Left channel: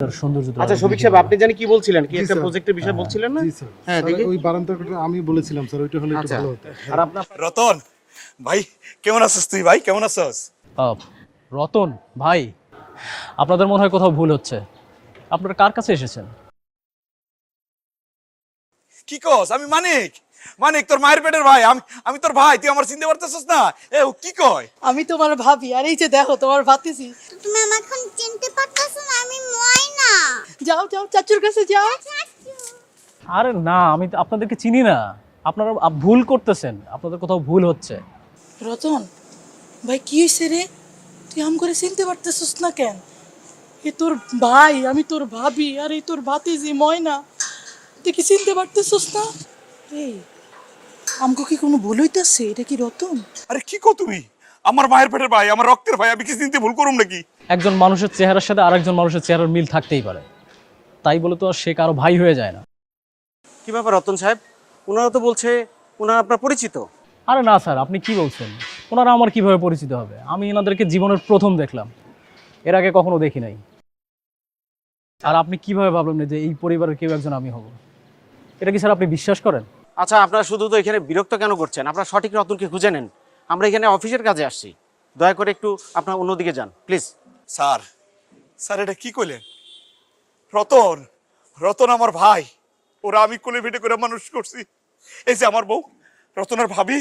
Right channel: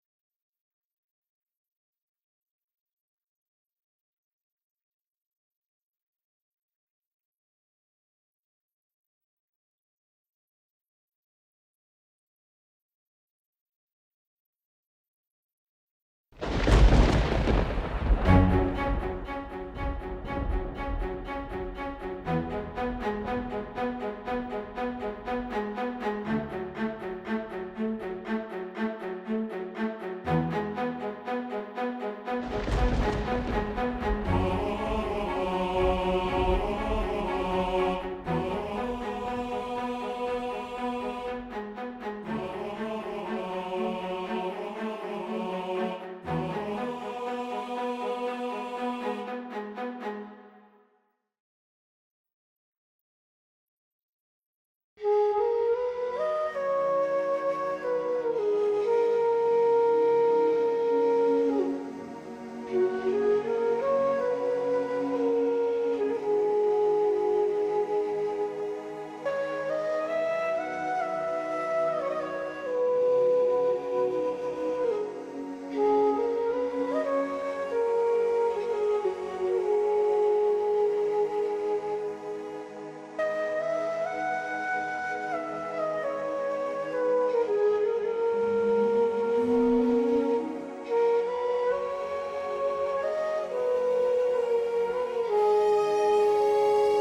আচ্ছা শফিক সাহেব, আপনি জানি কি বলছিলেন, কি একটা প্রজেক্টের বিষয় বলছিলেন না? জি স্যার। হ্যাঁ, স্যার, দেখি। ওই বারান্দাটা আমি বলেছিলাম স্যার, ওইটা হলে একটু আচ্ছা। ভালো হতো। আর আপনার রতন ভাই, কেমন আছিস তুই? ভাই কেমন আছিস? আহ, রতন ভাই, আপনাদের মনে হয় কোথাও ভুল হচ্ছে। আপনারা কার কাছে এসেছেন? কি কস? আমি মানিক, মানিক তোর মায়ের পেটের ভাই। আমি তোর ভাই, তুই আমার চিনতে পারতেছিস না? এ ও কি কয়? আমি তোমার ভাবি, আর এই যে দেখো তোমার ভাতিজি। তুমি আমাকে এখন চিনতে পারতেছো না? আমি ময়না। যাও যাও চাচুর কাছে যাও। আরে না, আমি তো আপনাদেরকে চিনি না। আপনারা ভুল করতেছেন, আপনাদের কোথাও ভুল হচ্ছে। রতন ভাই, কি হয়েছে রে? তুই আম করে চিনতে পারতেছিস না কেন? এ তোর ভাই, আমি তোর ভাবি, আর এই তোর ভাতিজি ময়না। তুই কি চিনতে পারতেছিস না? এই আমগো কি কোনো ভুল হইতাছে? এটা কি রতন? আরে কি কও তুমি? আমার মায়ের পেটের ভাই, আমার রক্তের ভাই, আমি কি চিনতে ভুল করুম নাকি? একজন মানুষের চেহারার সাথে আরেকজন মানুষের চেহারার মিল থাকতেই পারে, তাই বলে তো আর সে কারো ভাই হয়ে যায় না। কি ব্যাপার রতন সাহেব? ওনারা তো বলছে ওনারা আপনার পরিচিত। আরে না স্যার, আপনি কি বলছেন? ওনারা আমার কিভাবে পরিচিত হবে? আমি এনাদেরকে জীবনের প্রথম দেখলাম, এর আগে কখনো দেখি নাই। আর আপনি কিভাবে ভাবলেন যে এই পরিবারের কেউ একজন আমি হব? এটা কি স্যার আপনি বিশ্বাস করেন? আচ্ছা, আপনারা শুধু তো এখানে বিরক্ত কেন করছেন? আপনারা সঠিক রতনকে খুঁজে নেন। আমরা এখানে অফিসের কাজে আসছি। দয়া করে একটু আপনার অন্যদিকে যান প্লিজ। স্যার, স্যার এটা কি কইলেন? রতন, রতন আমার ভাই। ওরা আমি কোলে পিঠে করে মানুষ করছি। এই যে আমার বউ, রতনের ভাবি,